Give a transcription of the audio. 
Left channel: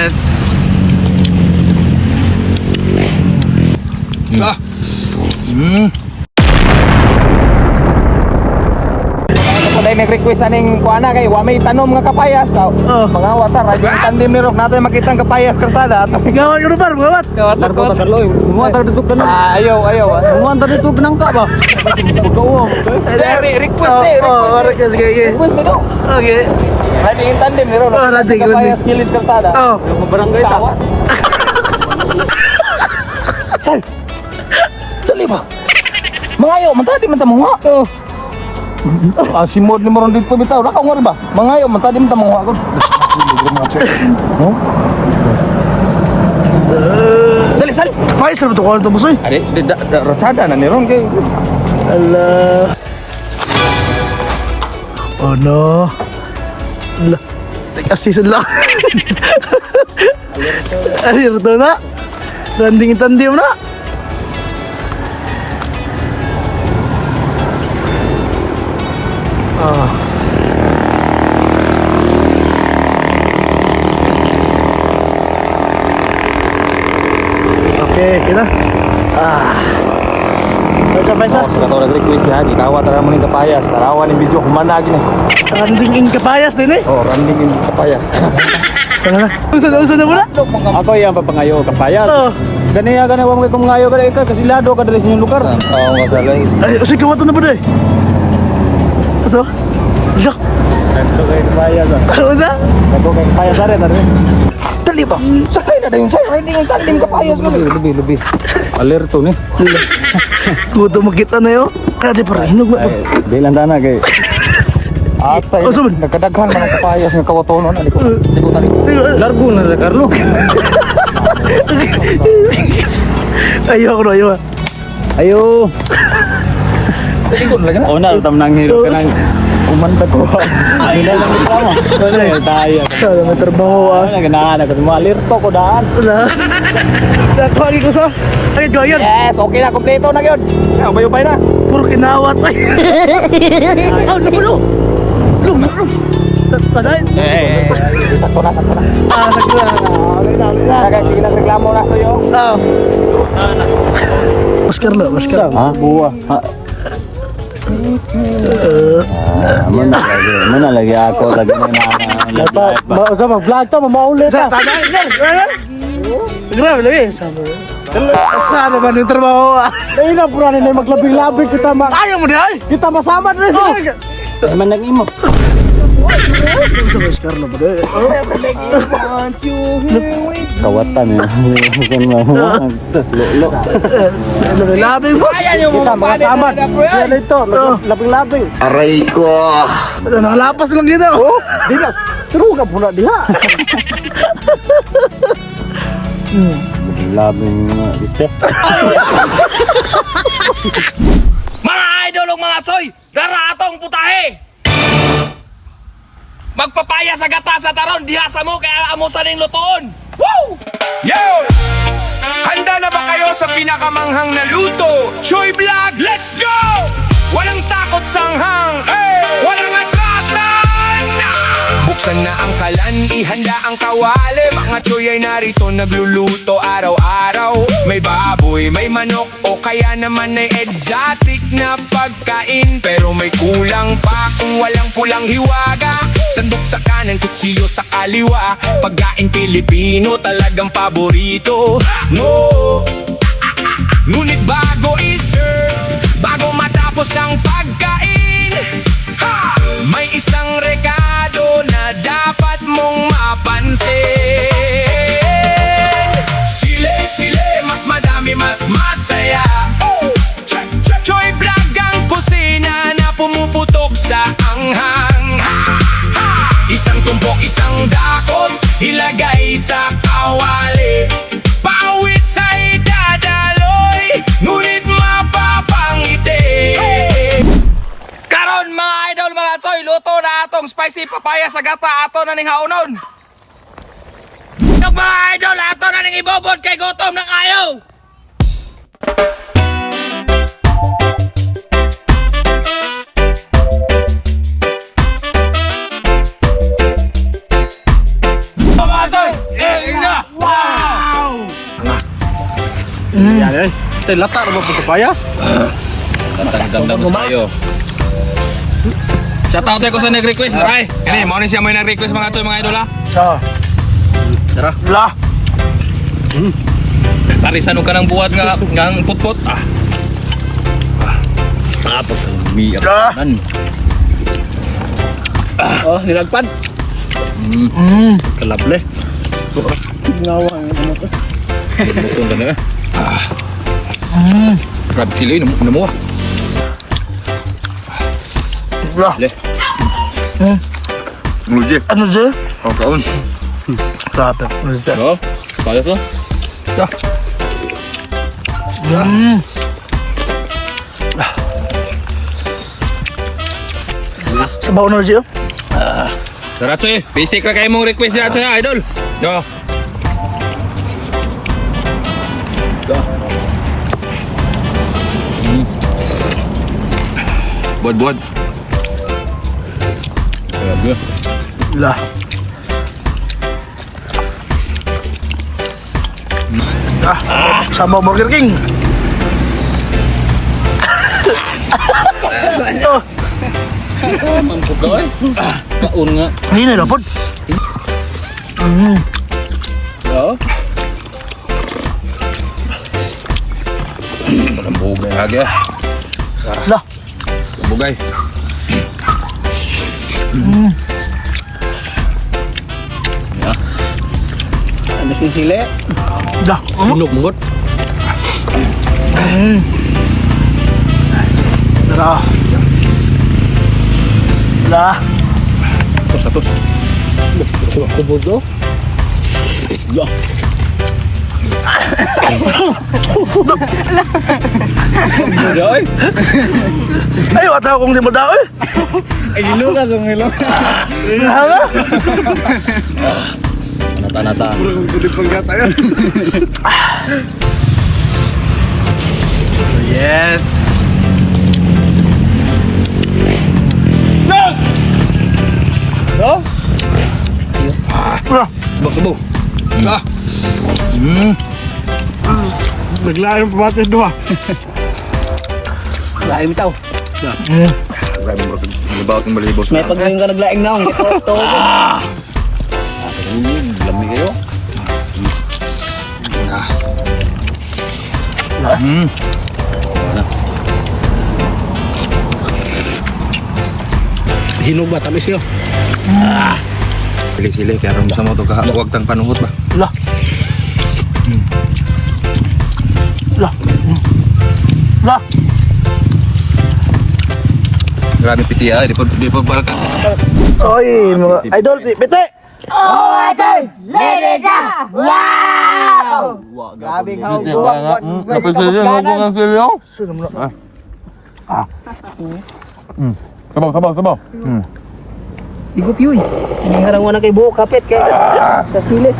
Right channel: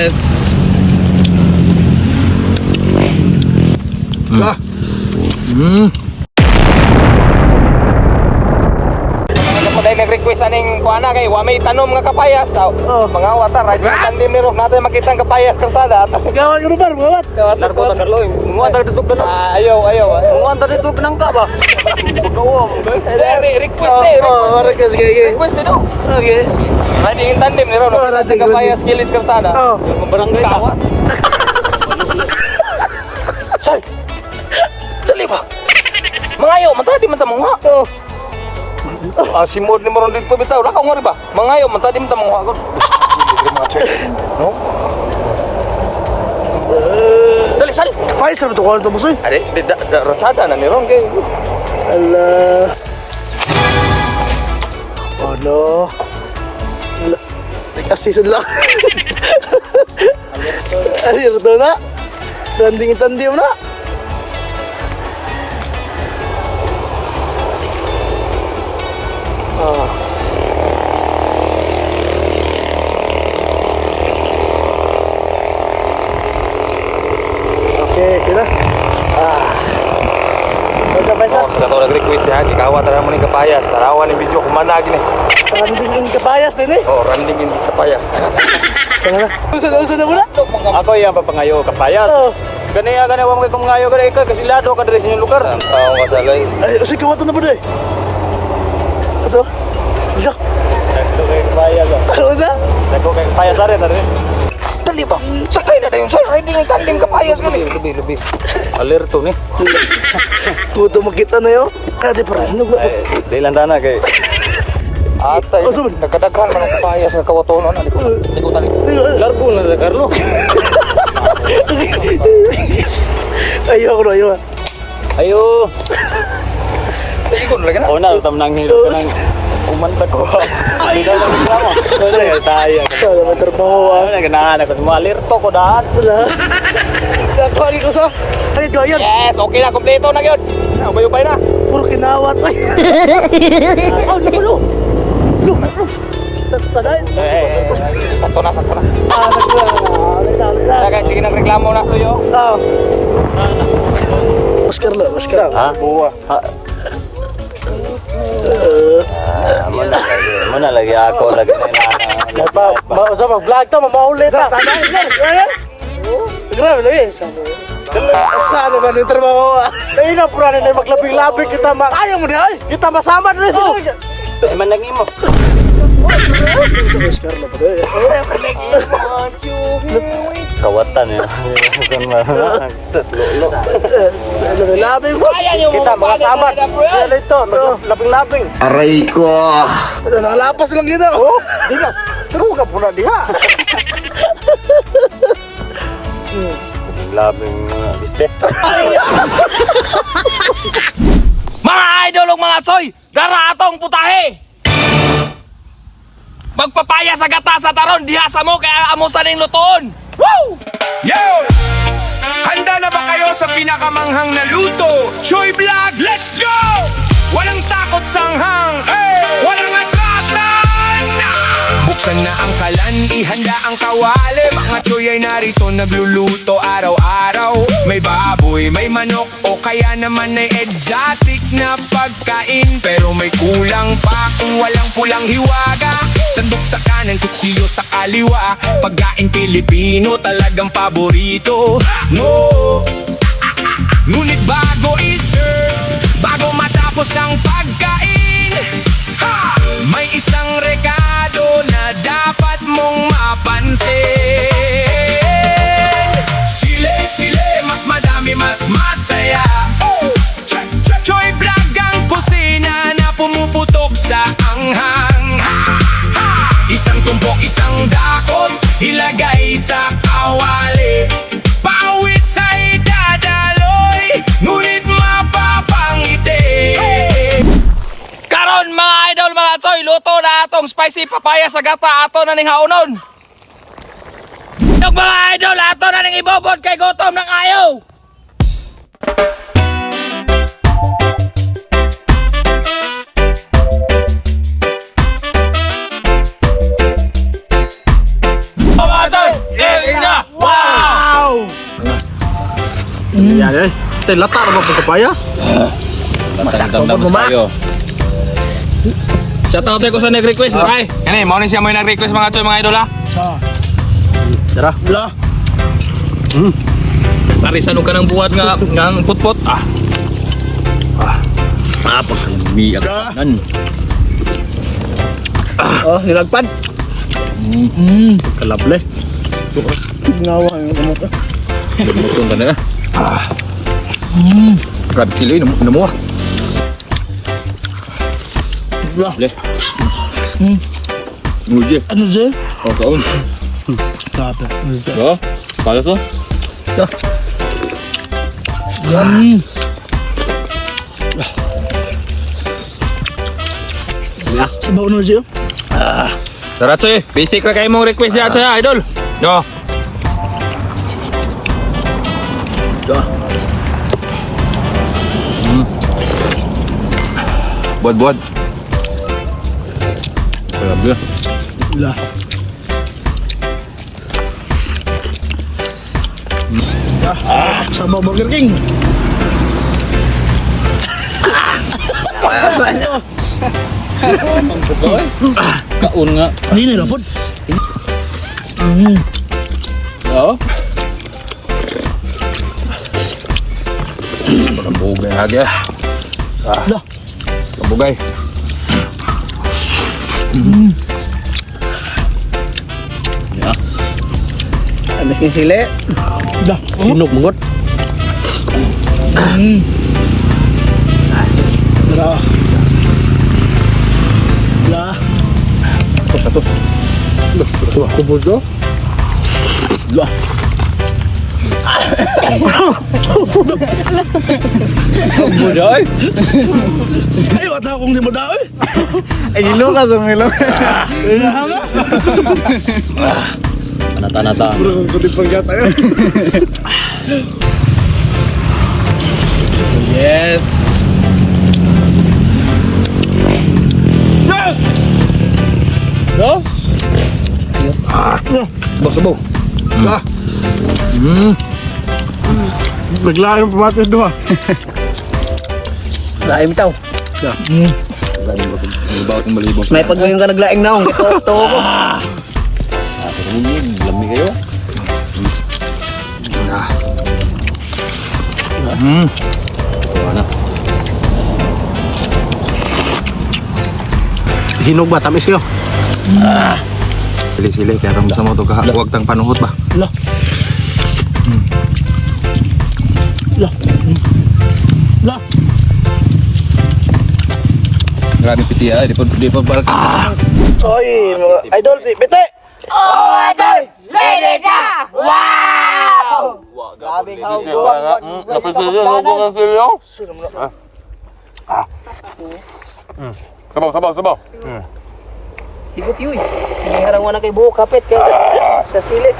guys. Nag-request aning kuana kay wa may tanom nga kapayas. Mga watar, andim ni Rock natin makita ang kapayas kasada. Gawat ka par, gawat. Gawat ta kaloy. Muwa ta dito kanang. Ayaw. Muwa ta dito kanang ta ba? Request dito. Okay. Tadi yung tandem ni Rock nakita ang kapayas kilid kasada. Barang kawat. Sal. Dali ba? Mangayo, mantadi man ta mga. Si Mod ni moron dito bitaw. Nakaw mo rin ba? Mangayo, mantadi man ta mga ako. No? Dali, sali. Ay, sarap ito ko lang ito, Busoy. Rotada na ni Ron kay. Oh no. Assistant lang. Ano yun ito na? Tanding-tanding na. Nag-request ha, gikawa tara mo ning kapayas. Tarawan ning video kumanag ni. Randing kapayas din eh. Oh, randing ning kapayas. Usa na muna? Ako yang papangayo ang kapayas. Oo. Ganiya wang kung ngayo ka ka kasi lado ka diri sa inyong lugar. Oo, masalay. Ay, usa kawatan na ba deh? Aso? Yak. Kapayas. Usa? Nako kay kapayas are tara. Dali ba? Sakay na dayon sir. Randing ang tandem kapayas gani. Lubi. Alerto ni. Kuto makita na yun. Kaya di para hinog na. Di lang dana kay. Atay, nagkadaghan man ang kapayas ng kawatonon. Di ko tali ko. Largo na Carlo. Ayaw ko na yun. Ayo. Ikon lagi na. Una, tam nang hirap ka nang umanda ko. Ay! Tayo. Sana matrabaho ah. Naganahan ako mo alerto ko daan. Pagi ko sa. Ay, gayan. Yes, okay na, kompleto na gyud. Ubay na. Puro kinawat. Sakto na. Guys, sige nang reklamo na kayo. Oscar na, Oscar. Ha? Buwa. Muna lagi ako sa ganyan na. Sa mag-vlog ta, mamaulit ta. Grabe na eh. Sana man yung trabaho ah. Kaya na pura na maglabing-labing kita Ayaw mo na ay. kita masama na sila. Ay man nag-imo. Kawatan ya. Grabe mo. Kita masama. Sila ito, labing-labing. Aray ko! Nalapas lang dito. Di na, turo ka pula diha. Labing iste. Mga idol ug mga tsoy, dara atong putahe. Magpapaya sa gata sa taron diha sa mo kaya amo sa ning lutoon. Woo! Yo! Handa na ba kayo sa pinakamanghang na luto? Choy Vlog, let's go! Walang takot sanghang, walang atrasan! Buksan na ang kalan, ihanda ang kawali. Mga choy ay narito nagluluto araw-araw. May baboy, may manok, o kaya naman ay exotic na pagkain. Pero may kulang pa kung walang pulang hiwaga. Sandok sa kanan, kutsiyo sa kaliwa. Pagkain Pilipino talagang paborito mo. Ngunit bago i-serve, bago matapos ang pagkain, may isang rekado na dapat mong mapansin. Sile, mas madami, mas masaya. Choy Vlog ang kusina na pumuputok sa anghang. Isang tumpok, isang dakot, ilagay sa kawali. Pawis ay dadaloy, ngunit mapapangiti. Karon mga idol mga tsoy, luto na atong spicy papaya sa gata ato na ning haunon. Yung mga idol ato na ning ibobod kay gutom ng ayaw. Mga tsoy, Ay, tay lata naman po sa payas. Matandang mo tayo. Shout out ko sa nag-request, Ray. Kani, mao ni siya may nag-request mga toy mga idol ha. Tara. La. Parisan ka ng buhat nga putput. Tapos biyak nan. Oh, nilagpan. Kalable. Ginawa yung ano ko. Ito ka na. Grabe sila yun, inamuha. La. Le. Muje. Ano dyan? Ang taon. Grabe. So, kaya to? Ito. Sabaw na dyan. Tara, Tsoy. Basic na kayo mong request dyan, Tsoy, idol. No. Buat. Grabe. La. Sabaw Burger King. Kaun nga. Hindi na dapat. Oo. Malambog na yung hagya. La. Lambogay. Ano sing sili? La. Hinog mungot. La. La. Atos. Kubod do. La. Ay. Ay, wata akong di mo daw eh. Ay, gilo ka sa milo. Nata. Puro kong kutip pagyata yan. Yes. No? Subo. Naglayo yung pamatin doon. Laim tao. Nagbaot ng balibos. May pagawin ka naglaing naong. Ito. Lami kayo. Hinog ba? Tamis kayo. Sili-sili. Kaya rin sa mo ito huwag tang panuhot ba? La. La. La. Grabe piti ay. Di pa balak. Ay, mga idol, bite. Sabaw. Ibut yun. Ang harang mo na kay buo kapit kay sa sili.